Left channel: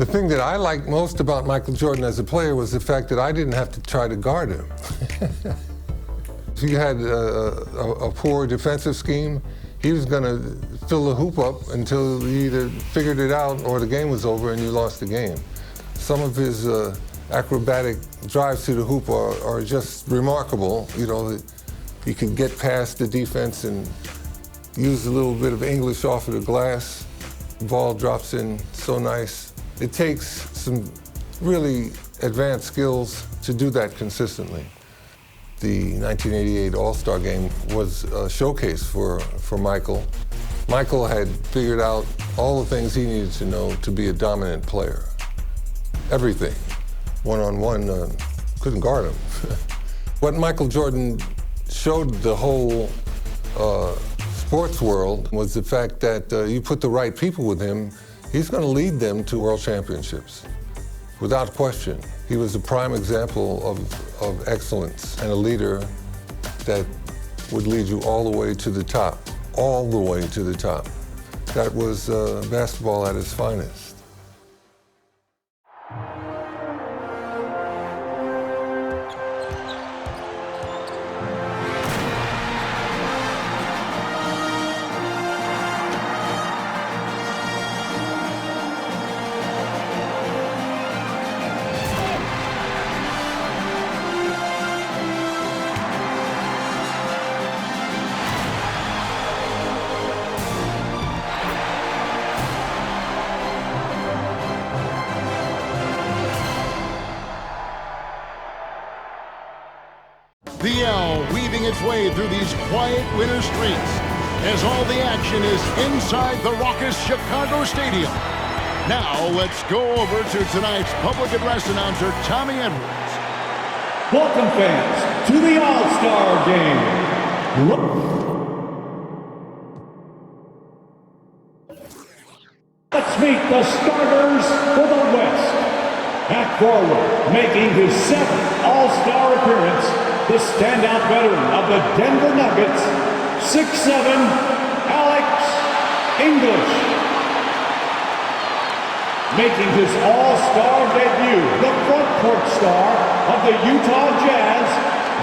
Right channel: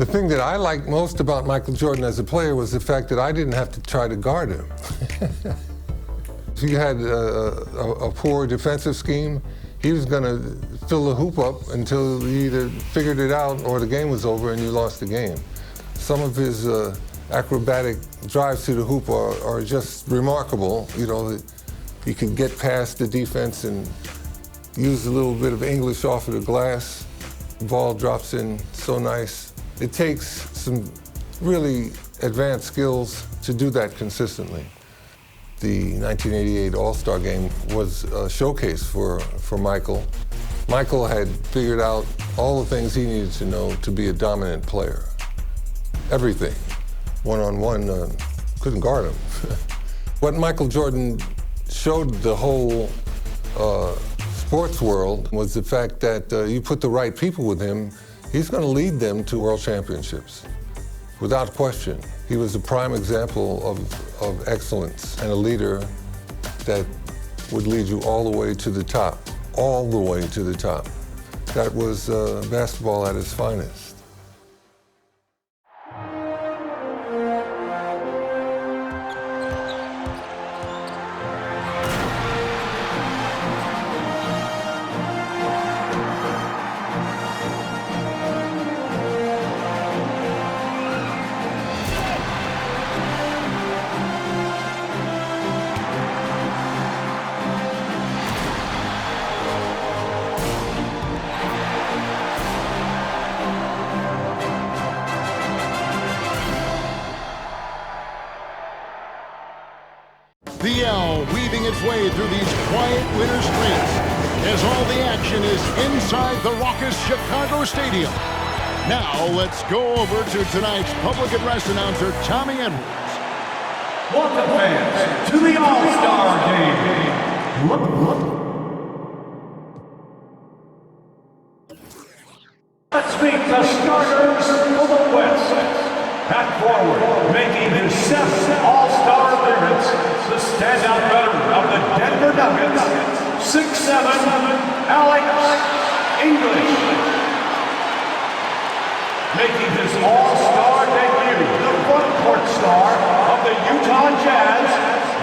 The thing that I liked most about Michael Jordan as a player was the fact that I didn't have to try to guard him. If you had a poor defensive scheme, he was going to fill the hoop up until you either figured it out or the game was over and you lost the game. Some of his acrobatic drives to the hoop are just remarkable. You know, he can get past the defense and use a little bit of English off of the glass. The ball drops in so nice. It takes some really advanced skills to do that consistently. The 1988 All-Star Game was a showcase for Michael. Michael had figured out all the things he needed to know to be a dominant player. Everything. One-on-one, couldn't guard him. What Michael Jordan showed the whole sports world was the fact that you put the right people with him, he's going to lead them to world championships, without question. He was a prime example of excellence and a leader that would lead you all the way to the top, all the way to the top. That was basketball at its finest. The L weaving its way through these quiet winter streets as all the action is inside the raucous Chicago Stadium. Now let's go over to tonight's public address announcer, Tommy Edwards. Welcome, fans, to the All-Star Game. Let's meet the starters for the West. At forward, making his 7th All-Star appearance, the standout veteran of the Denver Nuggets, 6'7", Alex English. Making his All-Star debut, the front court star of the Utah Jazz,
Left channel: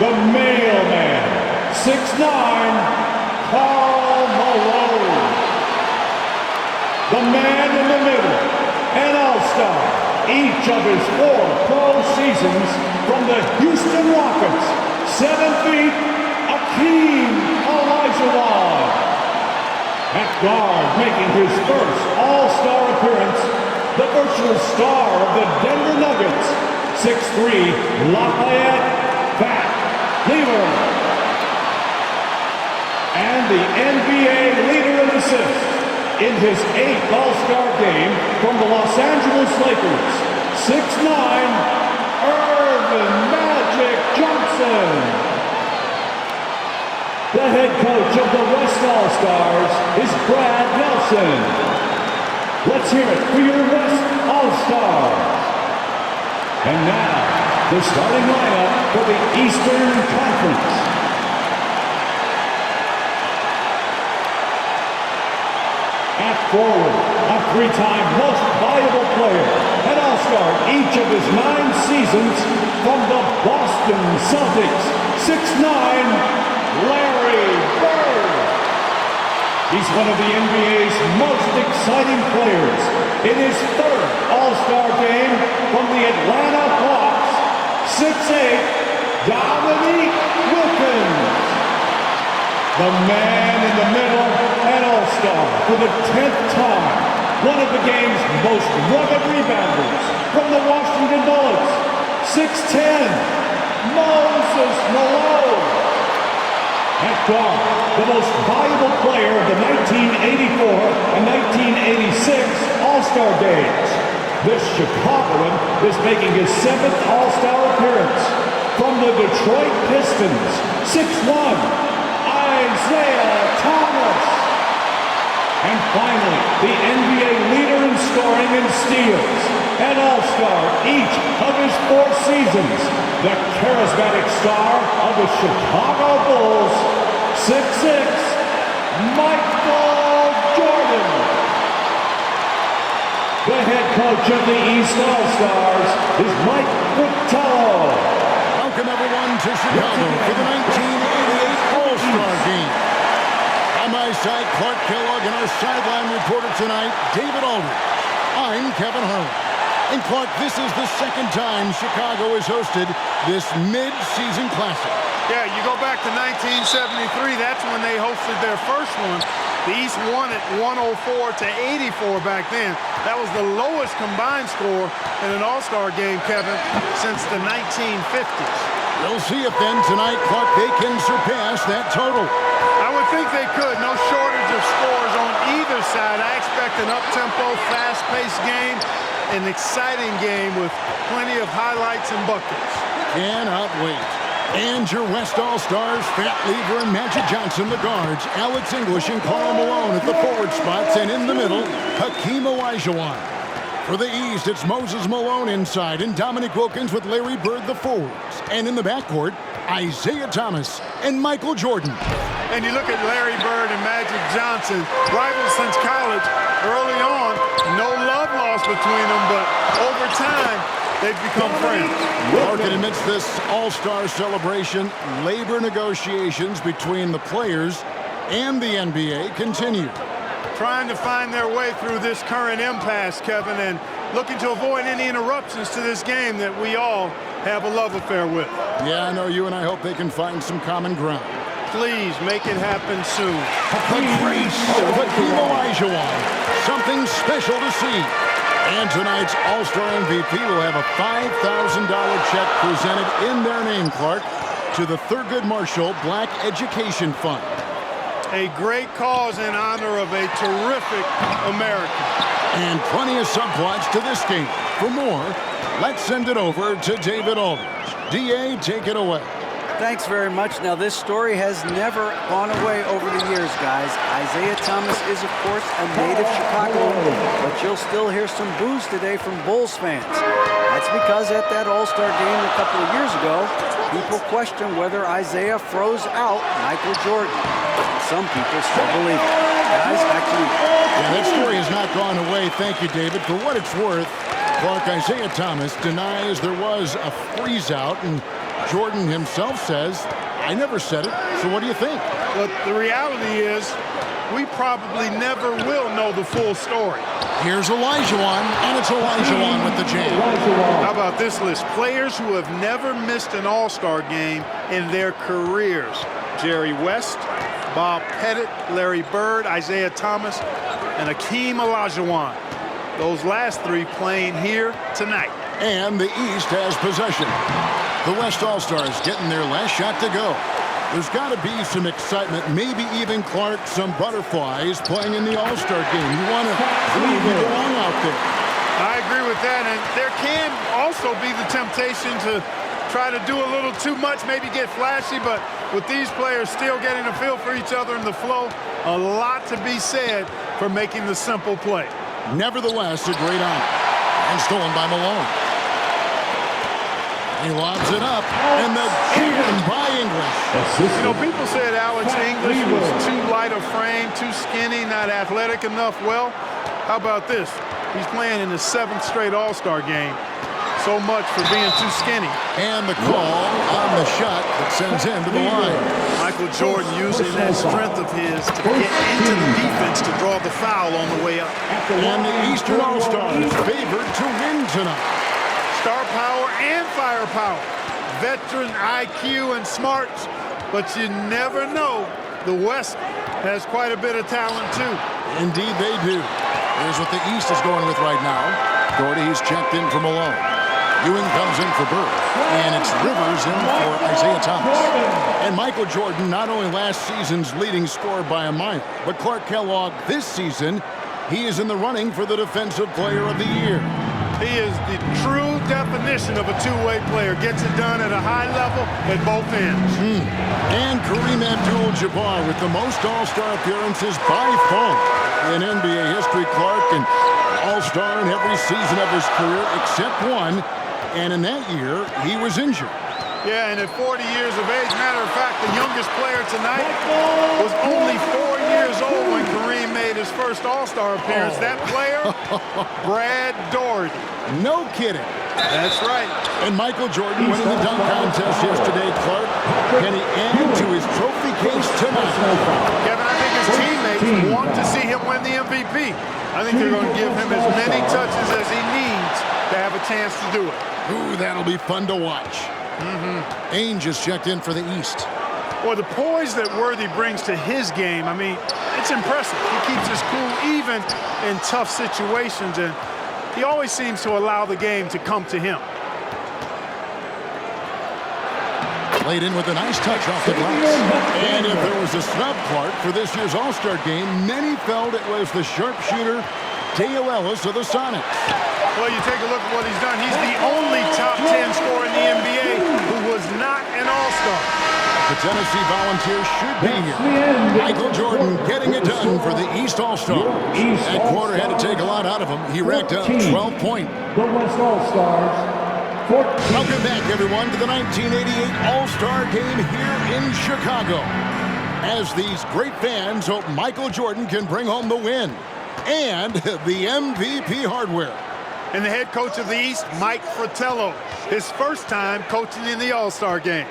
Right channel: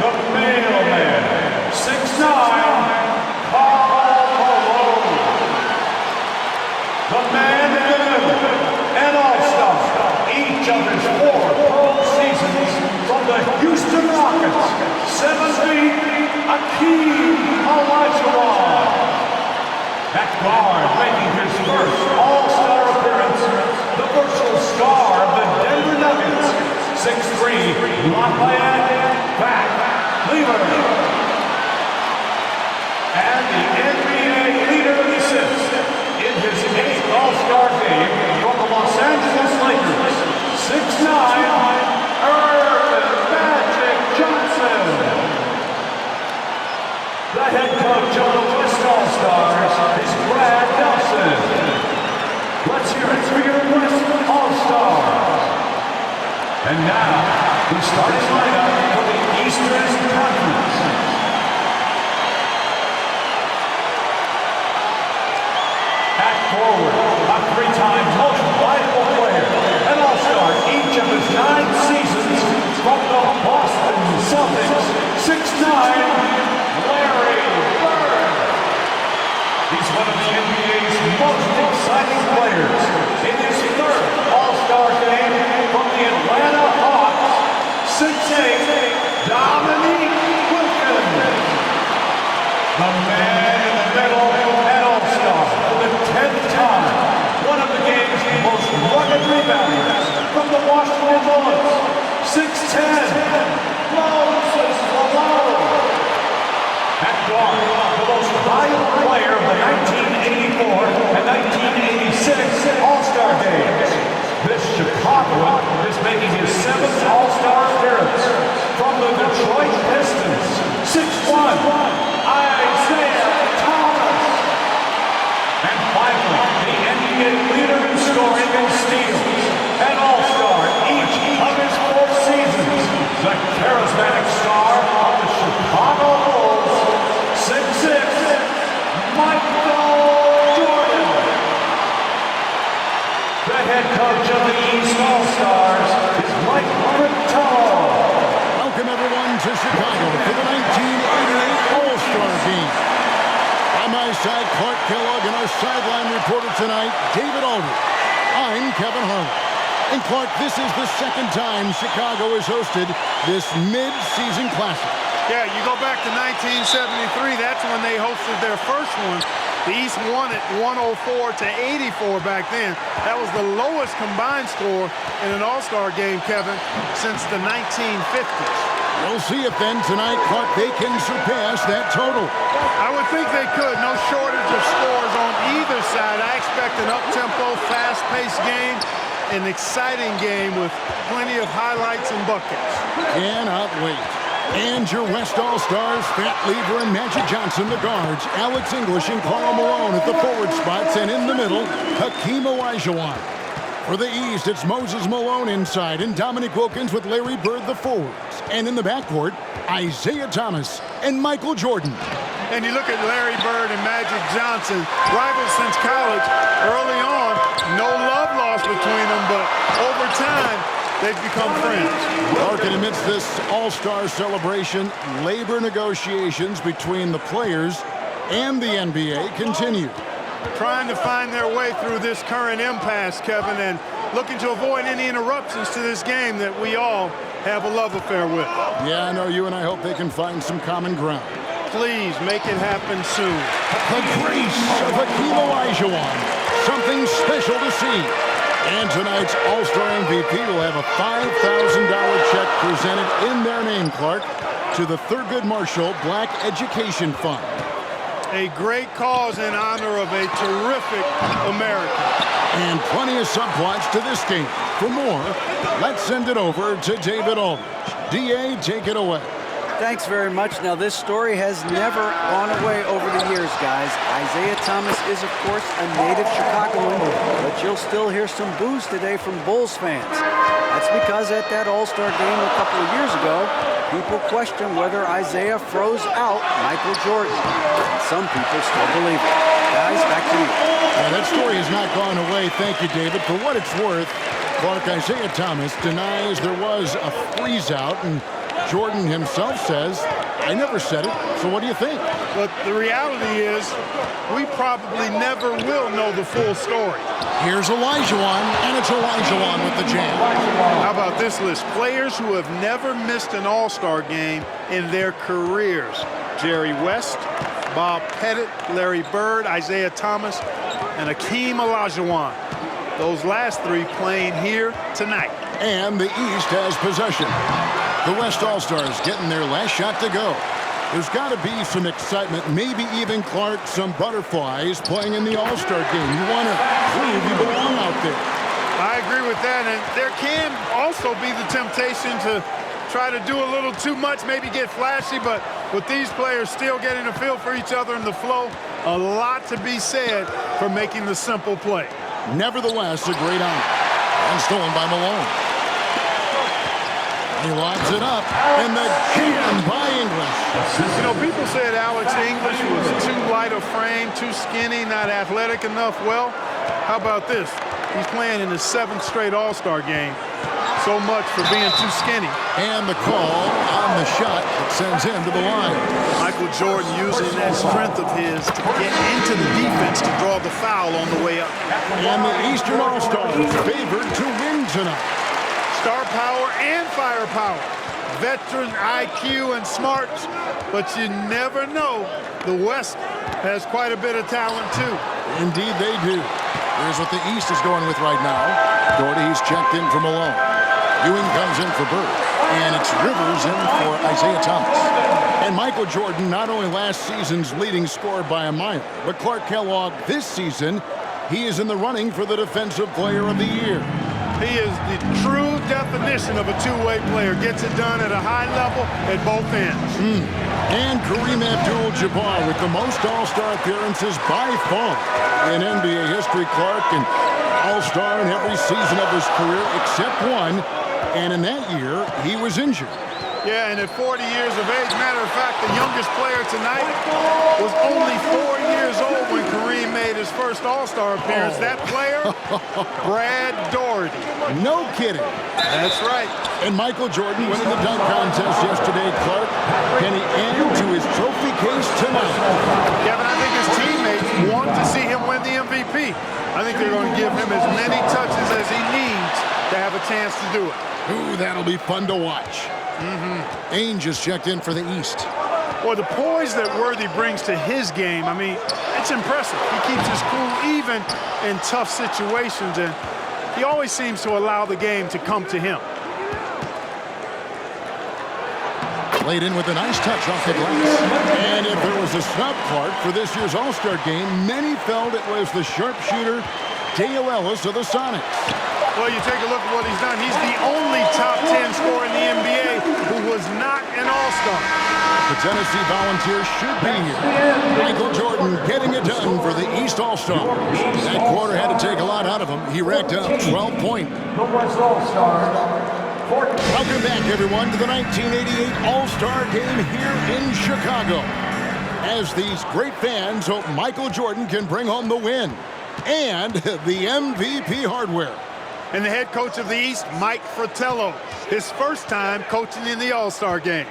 the mailman, 6'9", Karl Malone. The man in the middle, an All-Star. Each of his 4 pro seasons from the Houston Rockets, 7 feet, Akeem Olajuwon. At guard, making his first All-Star appearance, the virtual star of the Denver Nuggets, 6'3", Lafayette Fat Lever. And the NBA leader in assists, in his 8th All-Star game from the Los Angeles Lakers, 6'9", Earvin Magic Johnson. The head coach of the West All-Stars is Brad Nelson. Let's hear it for your West All-Stars. And now, the starting lineup for the Eastern Conference. At forward, a 3-time most valuable player, an All-Star each of his 9 seasons from the Boston Celtics, 6'9", Larry Bird. He's one of the NBA's most exciting players in his 3rd All-Star game from the Atlanta Hawks, 6'8", Dominique Wilkins. The man in the middle, an All-Star for the 10th time, one of the game's most rugged rebounders from the Washington Bullets, 6'10", Moses Malone. At guard, the most valuable player of the 1984 and 1986 All-Star games. This Chicagoan is making his 7th All-Star appearance from the Detroit Pistons, 6'1", Isaiah Thomas. And finally, the NBA leader in scoring and steals, an All-Star each of his 4 seasons, the charismatic star of the Chicago Bulls, 6'6", Michael Jordan. The head coach of the East All-Stars is Mike Fratello. Welcome everyone to Chicago for the 1988 All-Star Game. On my side, Clark Kellogg, and our sideline reporter tonight, David Aldridge. I'm Kevin Harlan. And Clark, this is the second time Chicago has hosted this mid-season classic. Yeah, you go back to 1973, that's when they hosted their first one. The East won it 104 to 84 back then. That was the lowest combined score in an All-Star game, Kevin, since the 1950s. We'll see if then tonight, Clark, they can surpass that total. I would think they could. No shortage of scores on either side. I expect an up-tempo, fast-paced game, an exciting game with plenty of highlights and buckets. Cannot wait. And your West All-Stars, Fat Lever and Magic Johnson, the guards, Alex English and Karl Malone at the forward spots, and in the middle, Hakeem Olajuwon. For the East, it's Moses Malone inside and Dominique Wilkins with Larry Bird, the forwards. And in the backcourt, Isaiah Thomas and Michael Jordan. And you look at Larry Bird and Magic Johnson, rivals since college. Early on, no love lost between them, but over time, they've become friends. Clark, amidst this All-Star celebration, labor negotiations between the players and the NBA continue. Trying to find their way through this current impasse, Kevin, and looking to avoid any interruptions to this game that we all have a love affair with. Yeah, I know you and I hope they can find some common ground. Please make it happen soon. The grace of Hakeem Olajuwon. Something special to see. And tonight's All-Star MVP will have a $5,000 check presented in their name, Clark, to the Thurgood Marshall Black Education Fund. A great cause in honor of a terrific American. And plenty of subplots to this game. For more, let's send it over to David Aldridge. DA, take it away. Thanks very much. Now, this story has never gone away over the years, guys. Isaiah Thomas is, of course, a native Chicagoan, but you'll still hear some boos today from Bulls fans. That's because at that All-Star game a couple of years ago, people questioned whether Isaiah froze out Michael Jordan. And some people still believe it. Guys, back to you. Yeah, that story has not gone away. Thank you, David. For what it's worth, Clark, Isaiah Thomas denies there was a freeze-out, and Jordan himself says, I never said it, so what do you think? But the reality is, we probably never will know the full story. Here's Olajuwon, and it's Olajuwon with the jam. How about this list? Players who have never missed an All-Star game in their careers. Jerry West, Bob Pettit, Larry Bird, Isaiah Thomas, and Hakeem Olajuwon. Those last three playing here tonight. And the East has possession. The West All-Stars getting their last shot to go. There's got to be some excitement, maybe even, Clark, some butterflies playing in the All-Star game. You want to prove you belong out there. I agree with that, and there can also be the temptation to try to do a little too much, maybe get flashy, but with these players still getting a feel for each other in the flow, a lot to be said for making the simple play. Nevertheless, a great honor. And stolen by Malone. He lobs it up, and the jam by English. You know, people said Alex English was too light of frame, too skinny, not athletic enough. Well, how about this? He's playing in his 7th straight All-Star game. So much for being too skinny. And the call on the shot that sends him to the line. Michael Jordan using that strength of his to get into the defense to draw the foul on the way up. And the Eastern All-Stars favored to win tonight. Star power and firepower. Veteran IQ and smarts, but you never know. The West has quite a bit of talent, too. Indeed, they do. Here's what the East is going with right now. Doherty's checked in for Malone. Ewing comes in for Bird. And it's Rivers in for Isaiah Thomas. And Michael Jordan, not only last season's leading scorer by a mile, but Clark Kellogg this season, he is in the running for the Defensive Player of the Year. He is the true definition of a two-way player. Gets it done at a high level at both ends. And Kareem Abdul-Jabbar with the most All-Star appearances by far in NBA history. Clark, an All-Star in every season of his career except one. And in that year, he was injured. Yeah, and at 40 years of age, matter of fact, the youngest player tonight was only 4 years old when Kareem made his first All-Star appearance. That player, Brad Daugherty. No kidding. That's right. And Michael Jordan winning the dunk contest yesterday, Clark. Can he add to his trophy case tonight? Kevin, I think his teammates want to see him win the MVP. I think they're going to give him as many touches as he needs to have a chance to do it. Ooh, that'll be fun to watch. Ainge just checked in for the East. Well, the poise that Worthy brings to his game, I mean, it's impressive. He keeps his cool even in tough situations, and he always seems to allow the game to come to him. Played in with a nice touch off the glass. And if there was a snub, Clark, for this year's All-Star game, many felt it was the sharpshooter Dale Ellis of the Sonics. Well, you take a look at what he's done. He's the only top 10 scorer in the NBA who was not an All-Star. The Tennessee Volunteers should be here. Michael Jordan getting it done for the East All-Stars. That quarter had to take a lot out of him. He racked up 12 points. The West All-Stars. Welcome back, everyone, to the 1988 All-Star Game here in Chicago. As these great fans hope Michael Jordan can bring home the win and the MVP hardware. And the head coach of the East, Mike Fratello, his first time coaching in the All-Star game.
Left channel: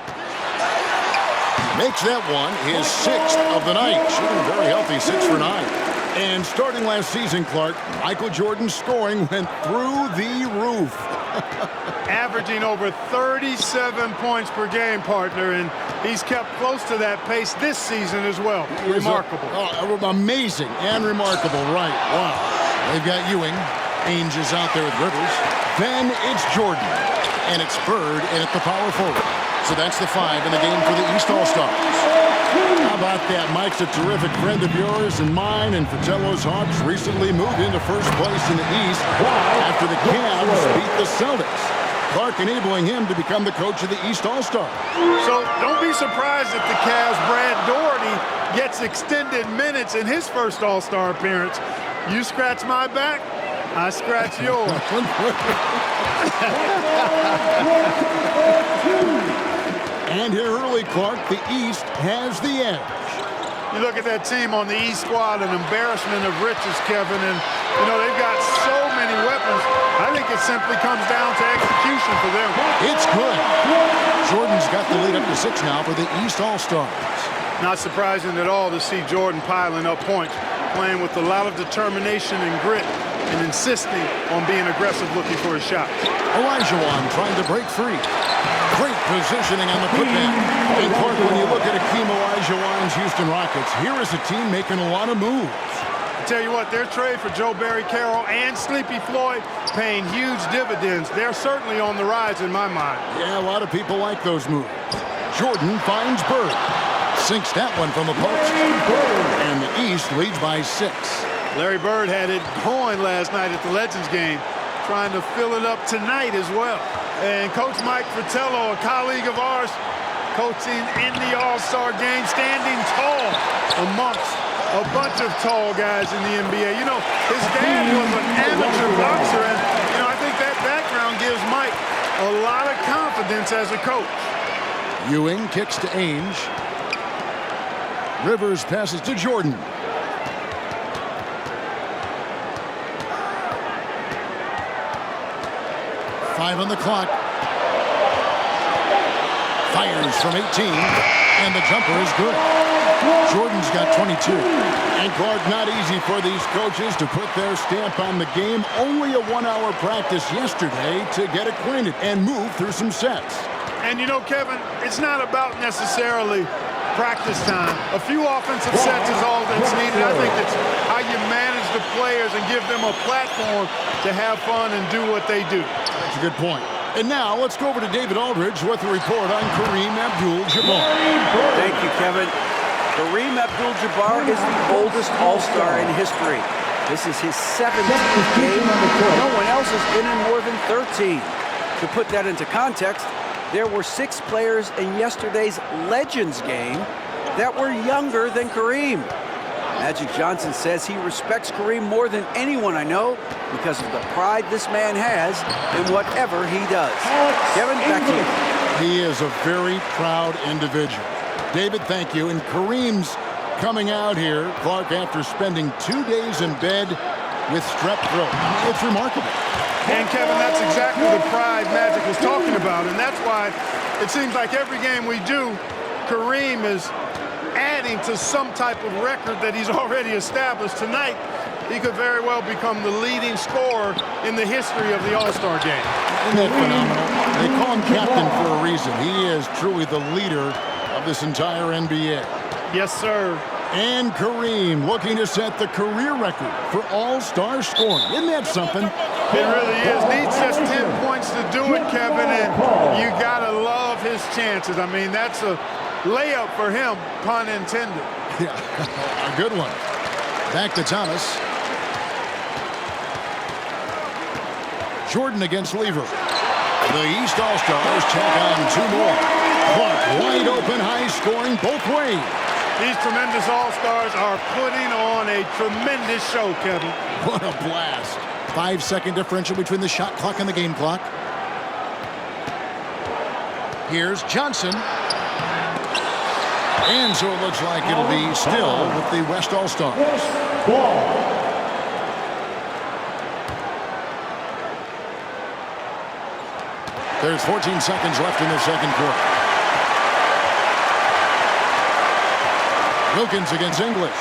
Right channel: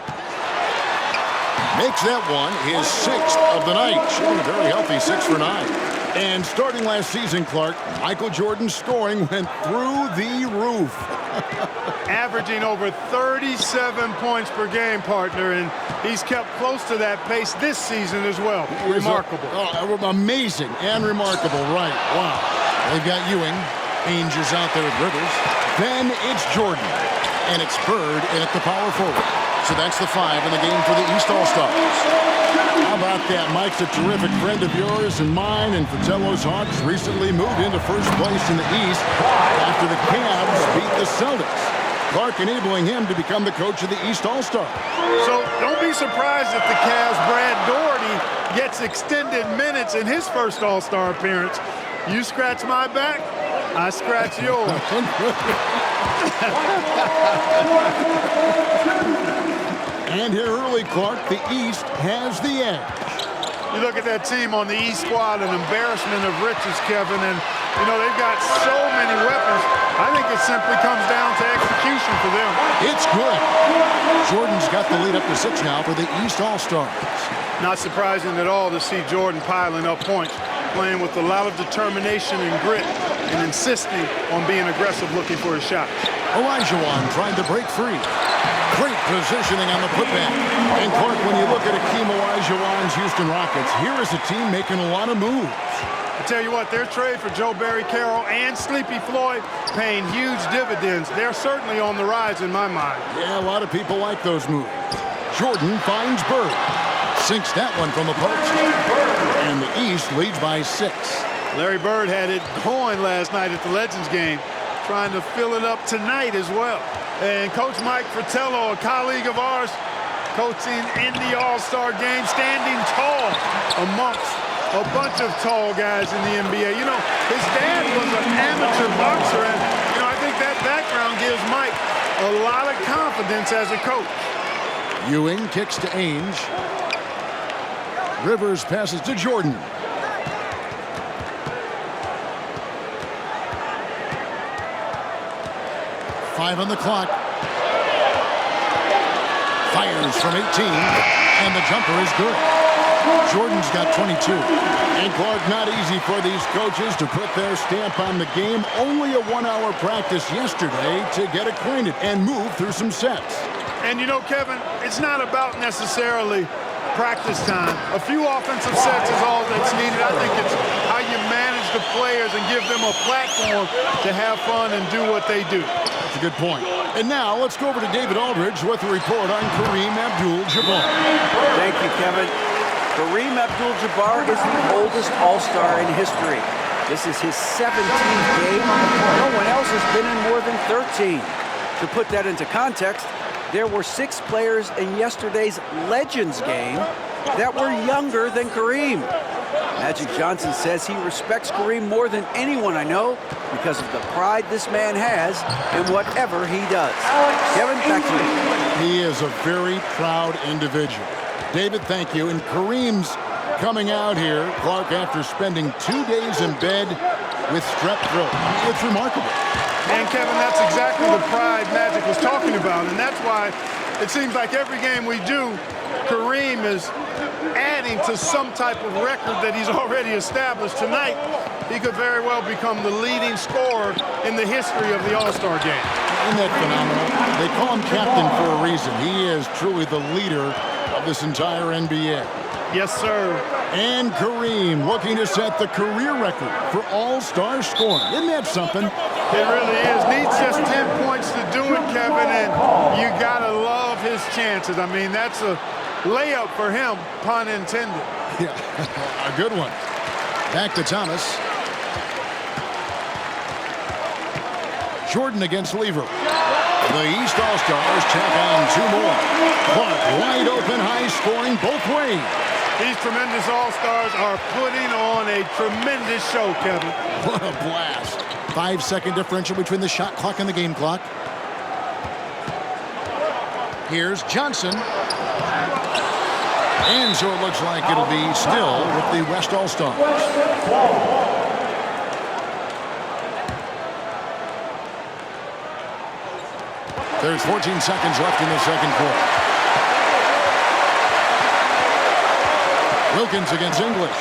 Makes that one his 6th of the night, shooting a very healthy 6 for 9. And starting last season, Clark, Michael Jordan's scoring went through the roof. Averaging over 37 points per game, partner, and he's kept close to that pace this season as well. Remarkable. Amazing and remarkable, right. Wow. They've got Ewing. Ainge is out there with Rivers. Then it's Jordan. And it's Bird in at the power forward. So that's the 5 in the game for the East All-Stars. How about that? Mike's a terrific friend of yours and mine, and Fratello's Hawks recently moved into first place in the East after the Cavs beat the Celtics. Clark enabling him to become the coach of the East All-Stars. So don't be surprised if the Cavs' Brad Daugherty gets extended minutes in his first All-Star appearance. You scratch my back, I scratch yours. And here early, Clark, the East has the edge. You look at that team on the East squad, an embarrassment of riches, Kevin, and, you know, they've got so many weapons. I think it simply comes down to execution for them. It's good. Jordan's got the lead up to 6 now for the East All-Stars. Not surprising at all to see Jordan piling up points, playing with a lot of determination and grit, and insisting on being aggressive looking for his shots. Olajuwon trying to break free. Great positioning on the putback. And Clark, when you look at Hakeem Olajuwon's Houston Rockets, here is a team making a lot of moves. I tell you what, their trade for Joe Barry Carroll and Sleepy Floyd paying huge dividends. They're certainly on the rise in my mind. Yeah, a lot of people like those moves. Jordan finds Bird. Sinks that one from the post. And the East leads by 6. Larry Bird had it going last night at the Legends game, trying to fill it up tonight as well. And Coach Mike Fratello, a colleague of ours, coaching in the All-Star game, standing tall amongst a bunch of tall guys in the NBA. You know, his dad was an amateur boxer, and, you know, I think that background gives Mike a lot of confidence as a coach. Ewing kicks to Ainge. Rivers passes to Jordan. Five on the clock. Fires from 18, and the jumper is good. Jordan's got 22. And Clark, not easy for these coaches to put their stamp on the game. Only a 1-hour practice yesterday to get acquainted and move through some sets. And you know, Kevin, it's not about necessarily practice time. A few offensive sets is all that's needed. I think it's how you manage the players and give them a platform to have fun and do what they do. That's a good point. And now let's go over to David Aldridge with a report on Kareem Abdul-Jabbar. Thank you, Kevin. Kareem Abdul-Jabbar is the oldest All-Star in history. This is his 17th game. No one else has been in more than 13. To put that into context, there were 6 players in yesterday's Legends game that were younger than Kareem. Magic Johnson says he respects Kareem more than anyone I know because of the pride this man has in whatever he does. Kevin, back to you. He is a very proud individual. David, thank you. And Kareem's coming out here, Clark, after spending 2 days in bed with strep throat. I mean, it's remarkable. And Kevin, that's exactly the pride Magic was talking about, and that's why it seems like every game we do, Kareem is adding to some type of record that he's already established. Tonight, he could very well become the leading scorer in the history of the All-Star game. Isn't that phenomenal? They call him captain for a reason. He is truly the leader of this entire NBA. Yes, sir. And Kareem looking to set the career record for All-Star scoring. Isn't that something? It really is. Needs just 10 points to do it, Kevin, and you gotta love his chances. I mean, that's a layup for him, pun intended. Yeah, a good one. Back to Thomas. Jordan against Lever. The East All-Stars tack on 2 more. Clark wide open, high scoring both ways. These tremendous All-Stars are putting on a tremendous show, Kevin. What a blast. 5-second differential between the shot clock and the game clock. Here's Johnson. And so it looks like it'll be still with the West All-Stars. Ball. There's 14 seconds left in the second quarter. Wilkins against English.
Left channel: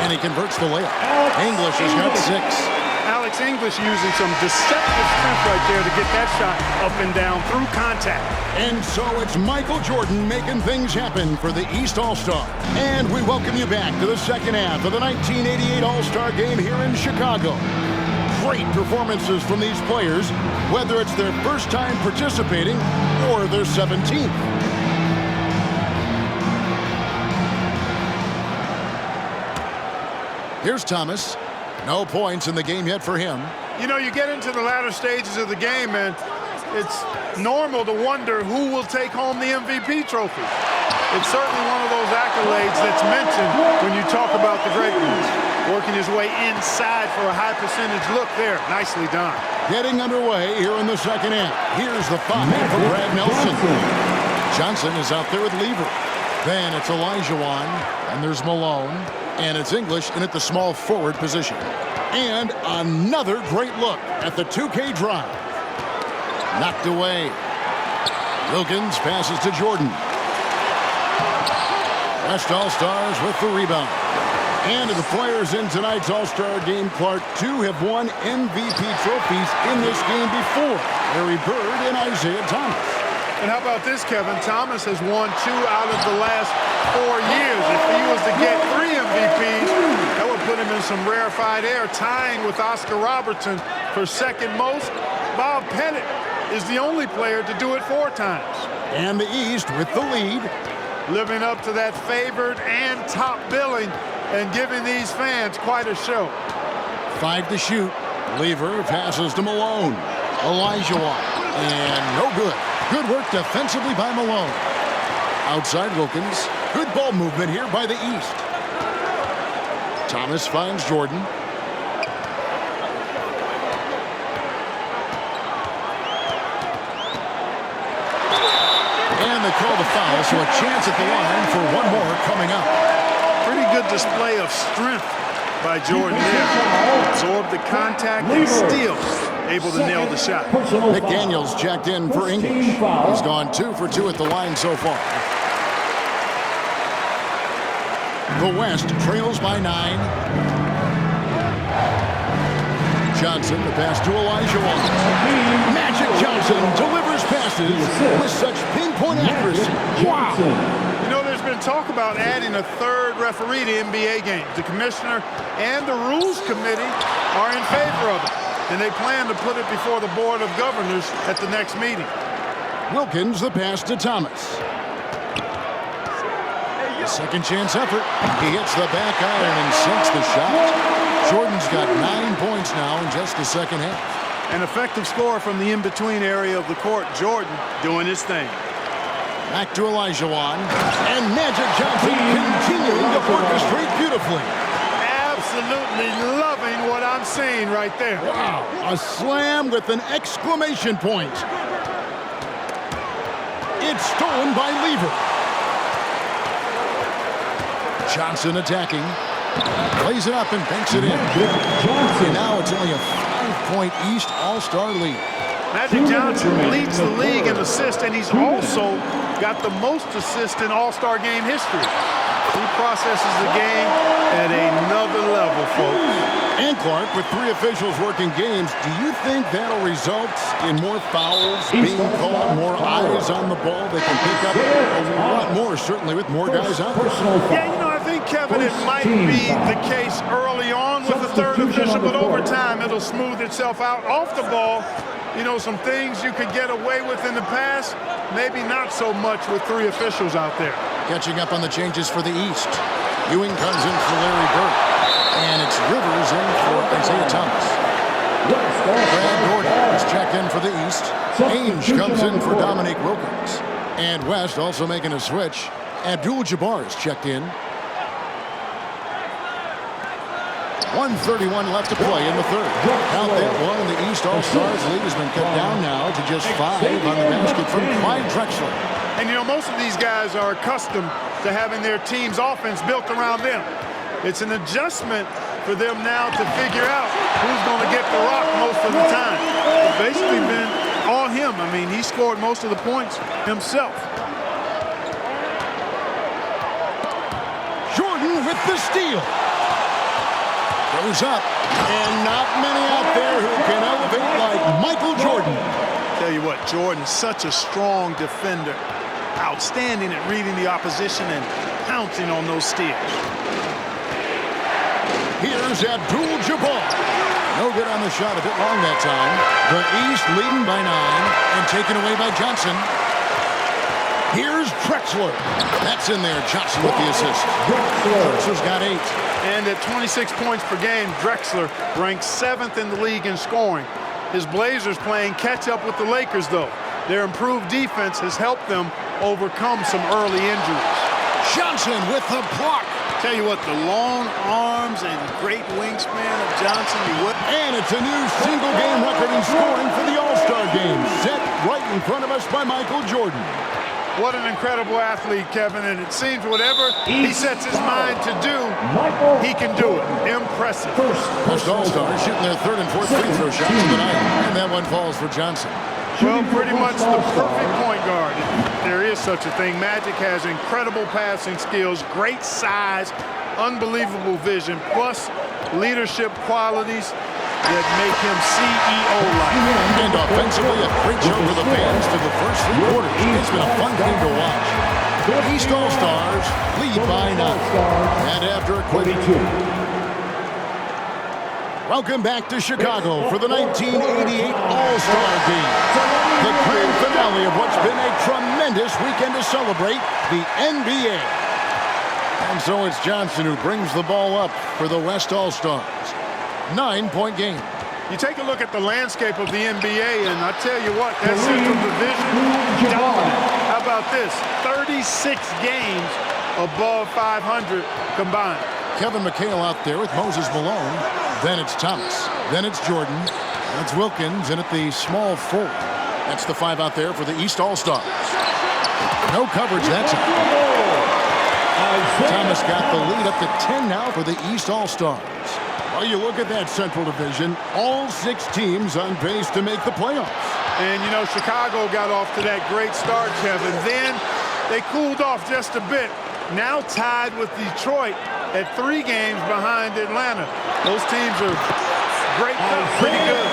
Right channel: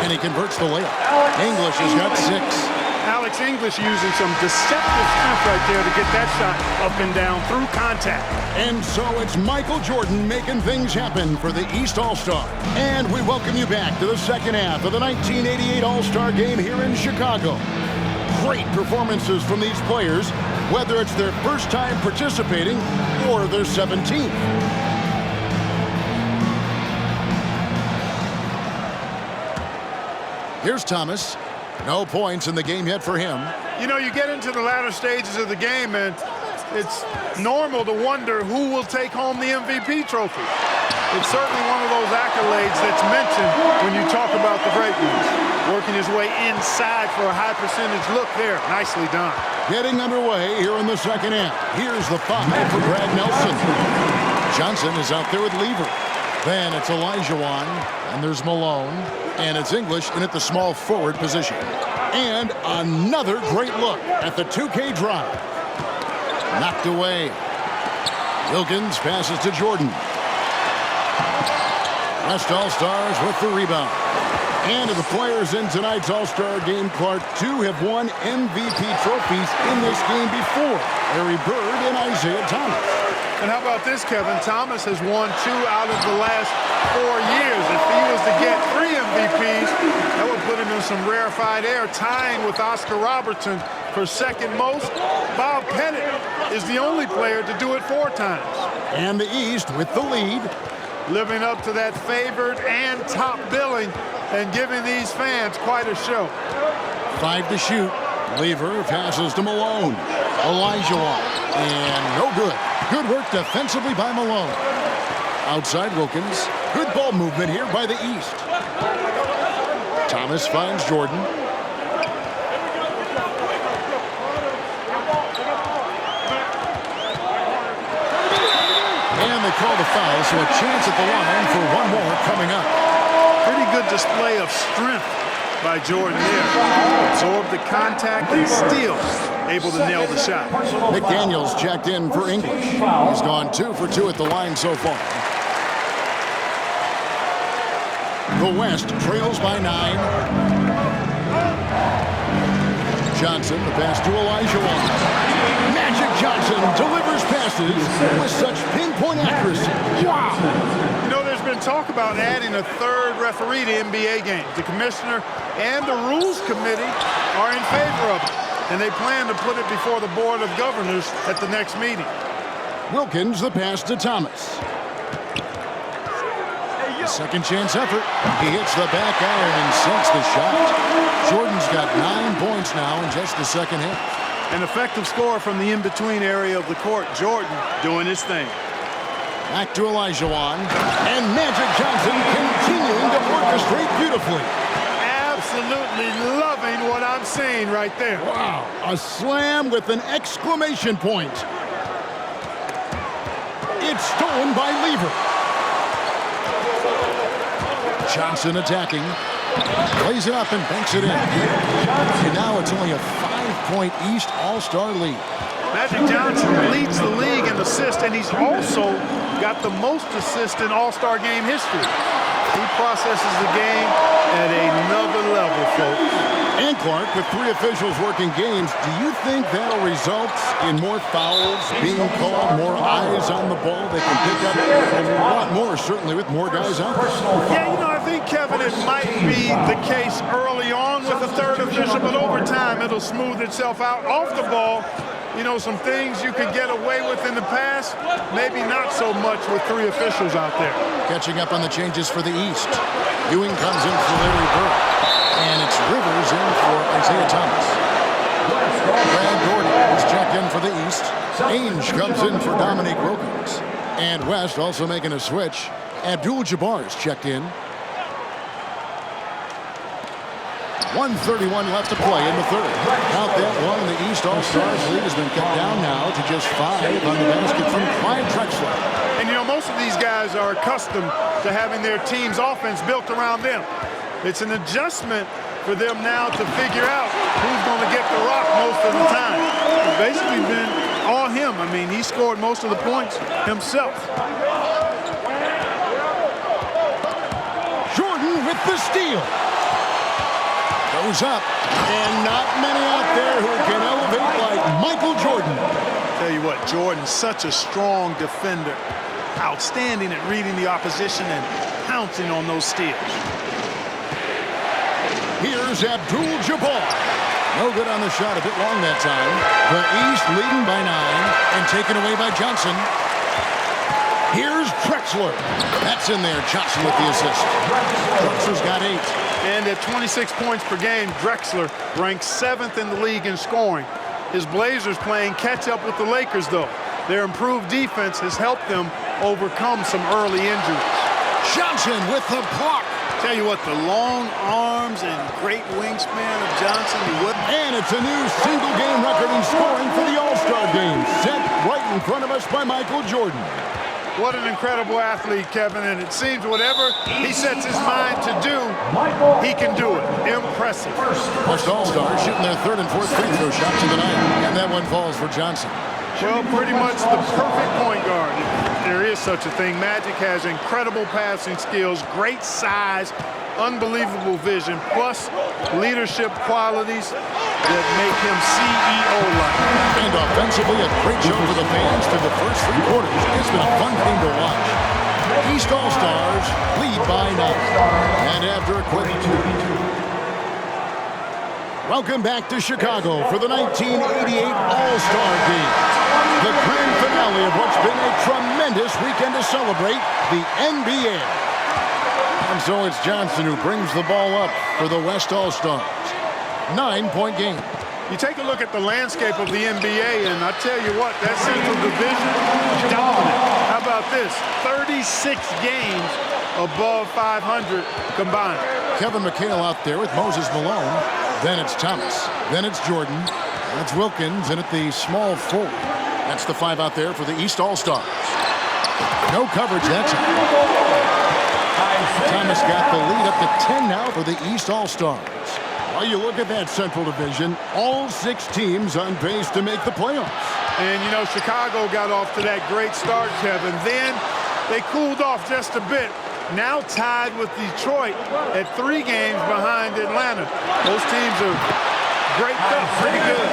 And he converts the layup. English has got 6. Alex English using some deceptive strength right there to get that shot up and down through contact. And so it's Michael Jordan making things happen for the East All-Star. And we welcome you back to the second half of the 1988 All-Star game here in Chicago. Great performances from these players, whether it's their first time participating or their 17th. Here's Thomas. No points in the game yet for him. You know, you get into the latter stages of the game, and it's normal to wonder who will take home the MVP trophy. It's certainly one of those accolades that's mentioned when you talk about the great ones. Working his way inside for a high percentage look there. Nicely done. Getting underway here in the second half. Here's the 5 for Brad Nelson. Johnson is out there with Lever. Then it's Olajuwon, and there's Malone, and it's English in at the small forward position. And another great look at the 2K drive. Knocked away. Wilkins passes to Jordan. West All-Stars with the rebound. And of the players in tonight's All-Star game, Clark, 2 have won MVP trophies in this game before. Larry Bird and Isaiah Thomas. And how about this, Kevin? Thomas has won 2 out of the last 4 years. If he was to get 3 MVPs, that would put him in some rarefied air, tying with Oscar Robertson for second most. Bob Pettit is the only player to do it 4 times. And the East with the lead. Living up to that favored and top billing and giving these fans quite a show. 5 to shoot. Lever passes to Malone. Olajuwon. And no good. Good work defensively by Malone. Outside Wilkins. Good ball movement here by the East. Thomas finds Jordan. And they call the foul, so a chance at the line for one more coming up. Pretty good display of strength by Jordan there. Absorbed the contact and still able to nail the shot. McDaniels checked in for English. He's gone 2 for 2 at the line so far. The West trails by 9. Johnson, the pass to Olajuwon. Magic Johnson delivers passes with such pinpoint accuracy. Wow. You know, there's been talk about adding a 3rd referee to NBA games. The commissioner and the rules committee are in favor of it, and they plan to put it before the board of governors at the next meeting. Wilkins, the pass to Thomas. A second chance effort. He hits the back iron and sinks the shot. Jordan's got 9 points now in just the second half. An effective score from the in-between area of the court. Jordan doing his thing. Back to Olajuwon. And Magic Johnson continuing to orchestrate beautifully. absolutely loving what I'm seeing right there. Wow, a slam with an exclamation point. It's stolen by Lever. Johnson attacking. Plays it up and banks it in. And now it's only a 5-point East All-Star lead. Magic Johnson leads the league in assists, and he's also got the most assists in All-Star game history. He processes the game at another level, folks. And Clark, with 3 officials working games, do you think that'll result in more fouls being called, more eyes on the ball they can pick up a lot more, certainly with more guys out there? Yeah, you know, I think, Kevin, it might be the case early on with the third official, but over time it'll smooth itself out. Off the ball, you know, some things you could get away with in the past, maybe not so much with 3 officials out there. Catching up on the changes for the East. Ewing comes in for Larry Bird. And it's Rivers in for Isaiah Thomas. Brad Gordon is checked in for the East. Ainge comes in for Dominique Wilkins. And West also making a switch. Abdul-Jabbar is checked in. 1:31 left to play in the third. Count that one, and the East All-Stars lead has been cut down now to just 5 on the basket from Clyde Drexler. And, you know, most of these guys are accustomed to having their team's offense built around them. It's an adjustment for them now to figure out who's going to get the rock most of the time. It's basically been all him. I mean, he scored most of the points himself. Jordan with the steal. Goes up, and not many out there who can elevate like Michael Jordan. Tell you what, Jordan's such a strong defender. Outstanding at reading the opposition and pouncing on those steals. Here's Abdul-Jabbar. No good on the shot, a bit long that time. The East leading by 9 and taken away by Johnson. Here's Drexler. That's in there. Johnson with the assist. Drexler's got 8. And at 26 points per game, Drexler ranks 7th in the league in scoring. His Blazers playing catch up with the Lakers, though. Their improved defense has helped them overcome some early injuries. Johnson with the block. Tell you what, the long arms and great wingspan of Johnson. And it's a new single-game record in scoring for the All-Star game, set right in front of us by Michael Jordan. What an incredible athlete, Kevin, and it seems whatever he sets his mind to do, he can do it. Impressive. Most All-Stars shooting their 3rd and 4th free throw shots of the night, and that one falls for Johnson. Well, pretty much the perfect point guard, if there is such a thing. Magic has incredible passing skills, great size, unbelievable vision, plus leadership qualities that make him CEO-like. And offensively, a great show for the fans through the first 3 quarters. It's been a fun game to watch. East All-Stars lead by 9. And after a quick... Welcome back to Chicago for the 1988 All-Star Game. The grand finale of what's been a tremendous weekend to celebrate the NBA. And so it's Johnson who brings the ball up for the West All-Stars. 9-point game. You take a look at the landscape of the NBA, and I tell you what, that Central Division, dominant. How about this? 36 games above 500 combined. Kevin McHale out there with Moses Malone. Then it's Thomas. Then it's Jordan. And it's Wilkins. And at the small forward. That's the 5 out there for the East All-Stars. No coverage that time. Thomas got the lead up to 10 now for the East All-Stars. Well, you look at that Central Division, all 6 teams on pace to make the playoffs. And, you know, Chicago got off to that great start, Kevin. Then they cooled off just a bit. Now tied with Detroit at 3 games behind Atlanta. Those teams are great, pretty good.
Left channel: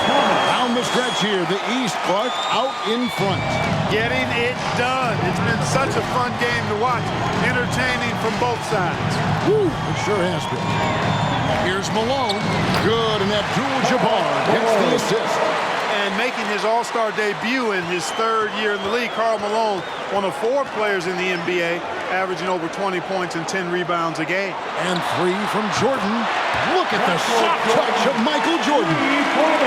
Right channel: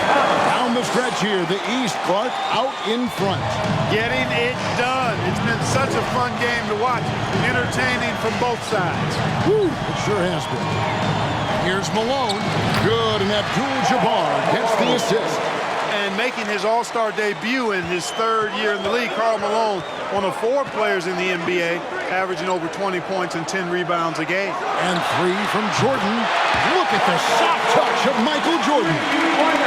Down the stretch here, the East, Clark, out in front. Getting it done. It's been such a fun game to watch. Entertaining from both sides. Woo, it sure has been. Here's Malone. Good, and Abdul-Jabbar gets the assist. And making his All-Star debut in his 3rd year in the league, Karl Malone, one of 4 players in the NBA, averaging over 20 points and 10 rebounds a game. And 3 from Jordan. Look at the soft touch of Michael Jordan.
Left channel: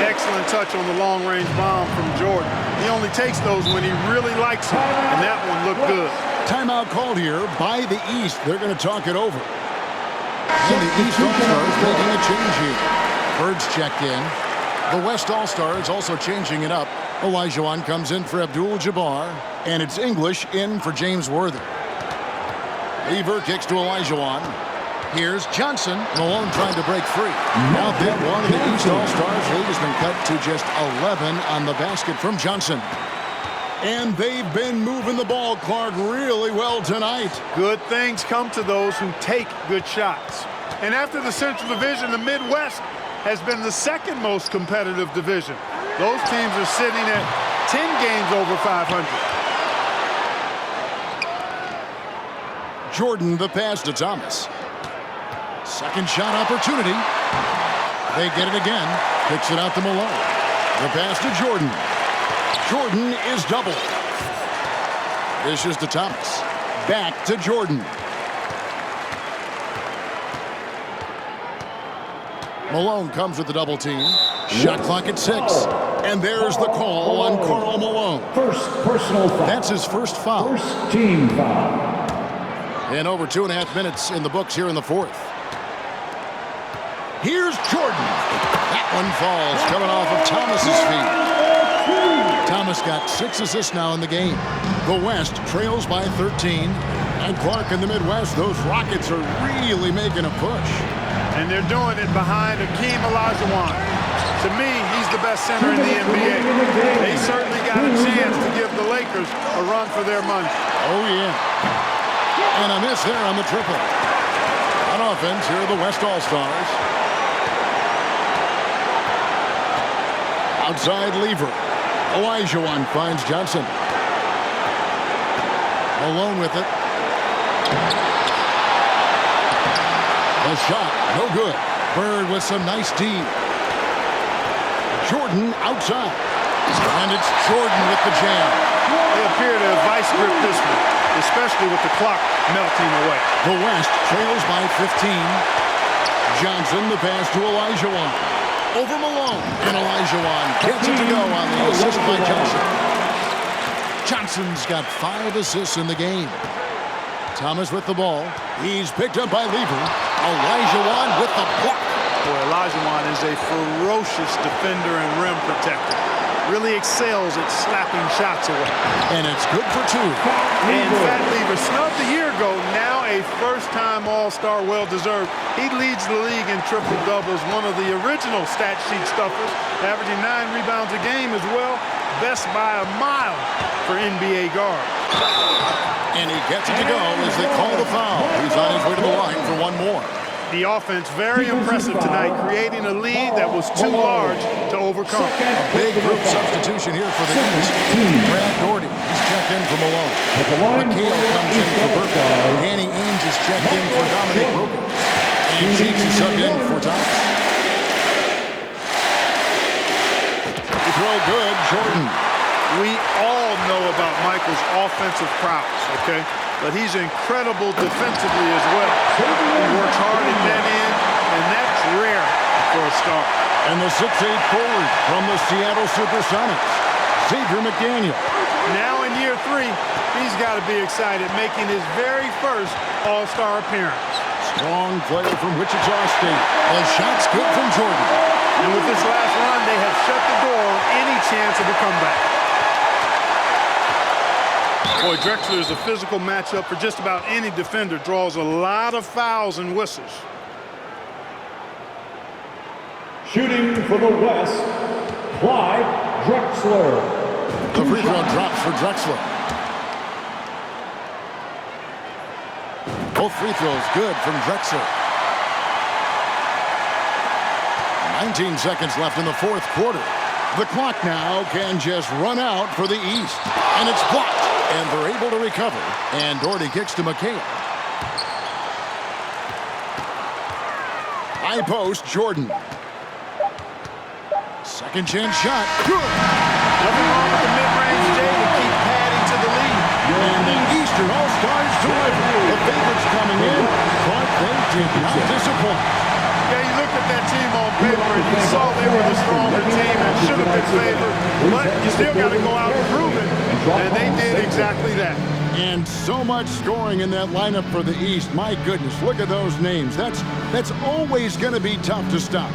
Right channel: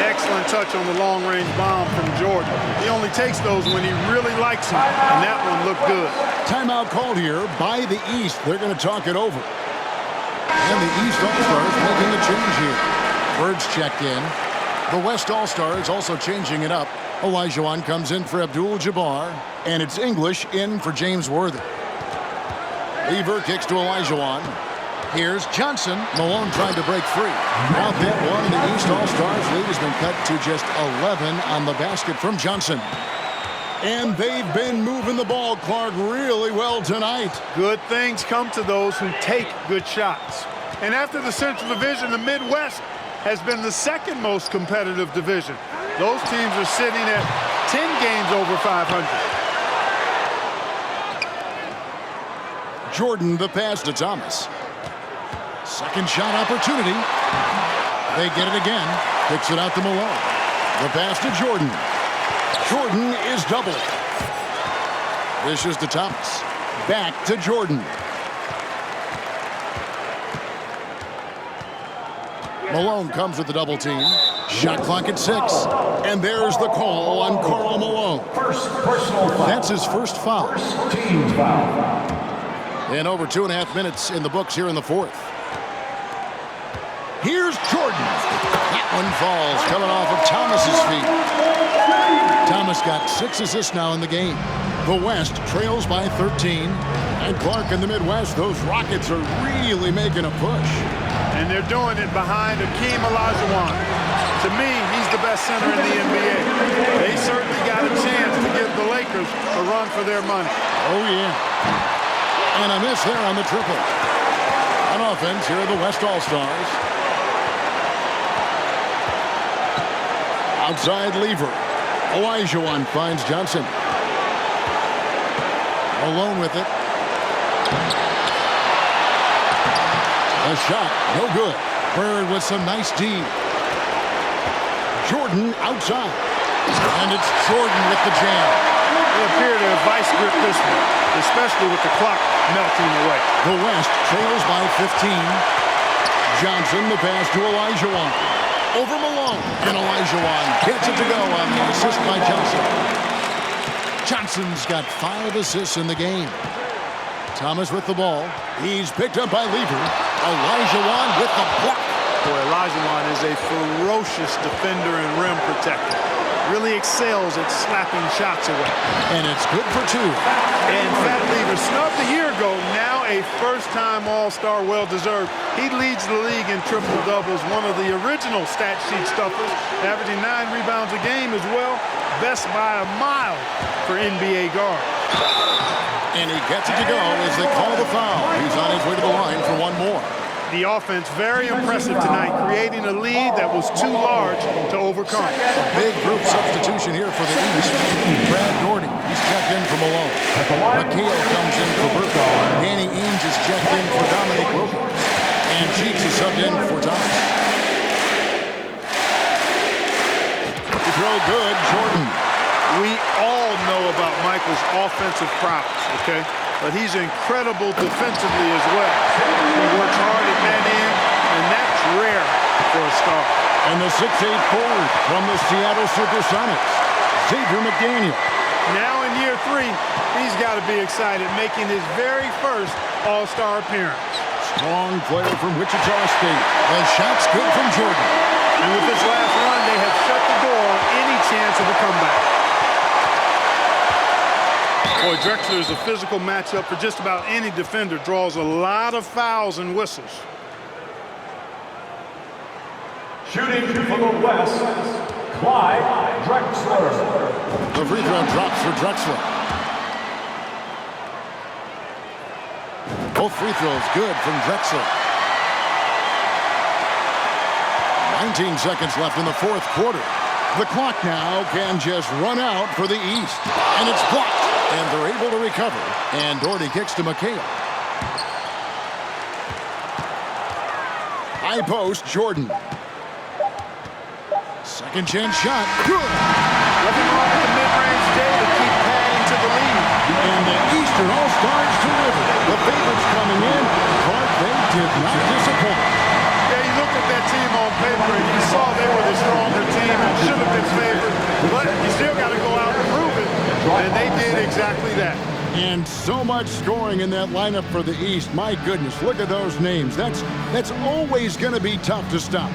Excellent touch on the long-range bomb from Jordan. He only takes those when he really likes them, and that one looked good. Timeout called here by the East. They're going to talk it over. And the East All-Stars making a change here. Bird's checked in. The West All-Stars also changing it up. Olajuwon comes in for Abdul-Jabbar. And it's English in for James Worthy. Lever kicks to Olajuwon. Here's Johnson. Malone trying to break free. Now that one, and the East All-Stars lead has been cut to just 11 on the basket from Johnson. And they've been moving the ball, Clark, really well tonight. Good things come to those who take good shots. And after the Central Division, the Midwest has been the second most competitive division. Those teams are sitting at 10 games over 500. Jordan, the pass to Thomas. Second shot opportunity. They get it again. Kicks it out to Malone. The pass to Jordan. Jordan is doubled. Dishes to Thomas. Back to Jordan. Malone comes with the double team. Shot clock at 6. And there's the call on Karl Malone. First personal foul. That's his first foul. First team foul. And over 2.5 minutes in the books here in the fourth. Here's Jordan. That one falls, coming off of Thomas's feet. Thomas got 6 assists now in the game. The West trails by 13. And Clark in the Midwest, those Rockets are really making a push. And they're doing it behind Hakeem Olajuwon. To me, he's the best center in the NBA. They certainly got a chance to give the Lakers a run for their money. Oh, yeah. And a miss there on the triple. On offense, here are the West All-Stars. Outside Lever. Olajuwon finds Johnson. Malone with it. The shot, no good. Bird with some nice D. Jordan outside. And it's Jordan with the jam. They appear to have vice gripped this one, especially with the clock melting away. The West trails by 15. Johnson, the pass to Olajuwon. Over Malone. And Olajuwon gets it to go on the assist by Johnson. Johnson's got 5 assists in the game. Thomas with the ball. He's picked up by Lever. Olajuwon with the block. Boy, Olajuwon is a ferocious defender and rim protector. Really excels at slapping shots away. And it's good for 2. And Fat Lever snubbed a year ago, now a first-time All-Star, well-deserved. He leads the league in triple-doubles, one of the original stat sheet stuffers, averaging 9 rebounds a game as well. Best by a mile for NBA guard. And he gets it to go as they call the foul. He's on his way to the line for one more. The offense very impressive tonight, creating a lead that was too large to overcome. A big group substitution here for the East. Brad Daugherty, he's checked in for Malone. McHale comes in for Burke. Danny Ainge is checked in for Dominique Wilkins. And Cheeks is subbed in for Thomas. To throw good, Jordan. We all know about Michael's offensive prowess, okay? But he's incredible defensively as well. He works hard at that end, and that's rare for a star. And the 6'8 forward from the Seattle Supersonics, Xavier McDaniel. Now in year 3, he's got to be excited, making his very first All-Star appearance. Strong player from Wichita State. The shot's good from Jordan. And with this last run, they have shut the door on any chance of a comeback. Boy, Drexler is a physical matchup for just about any defender. Draws a lot of fouls and whistles. Shooting for the West, Clyde Drexler. The free throw drops for Drexler. Both free throws good from Drexler. 19 seconds left in the fourth quarter. The clock now can just run out for the East. And it's blocked. And they're able to recover. And Daugherty kicks to McHale. High post, Jordan. Second chance shot. Good. Nothing wrong with the mid-range J to keep padding to the lead. And the Eastern All-Stars deliver. The favorites coming in, but they did not disappoint. Yeah, you looked at that team on paper and you saw they were the stronger team and should have been favored, but you still got to go out and prove it, and they did exactly that. And so much scoring in that lineup for the East. My goodness, look at those names. That's always going to be tough to stop.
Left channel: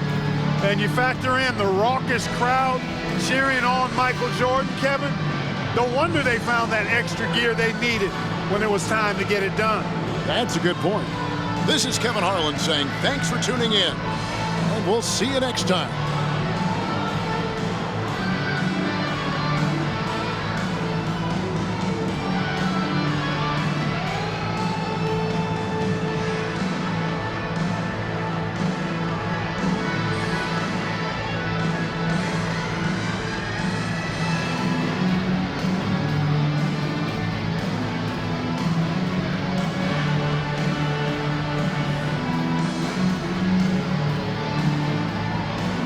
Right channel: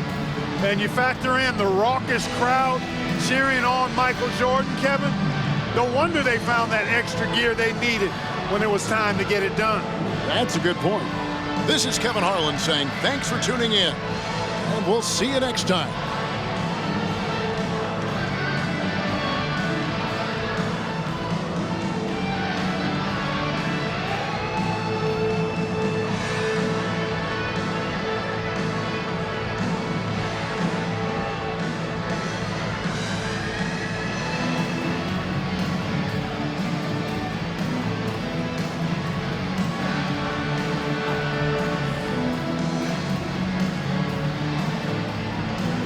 And you factor in the raucous crowd cheering on Michael Jordan, Kevin. No wonder they found that extra gear they needed when it was time to get it done. That's a good point. This is Kevin Harlan saying thanks for tuning in, and we'll see you next time.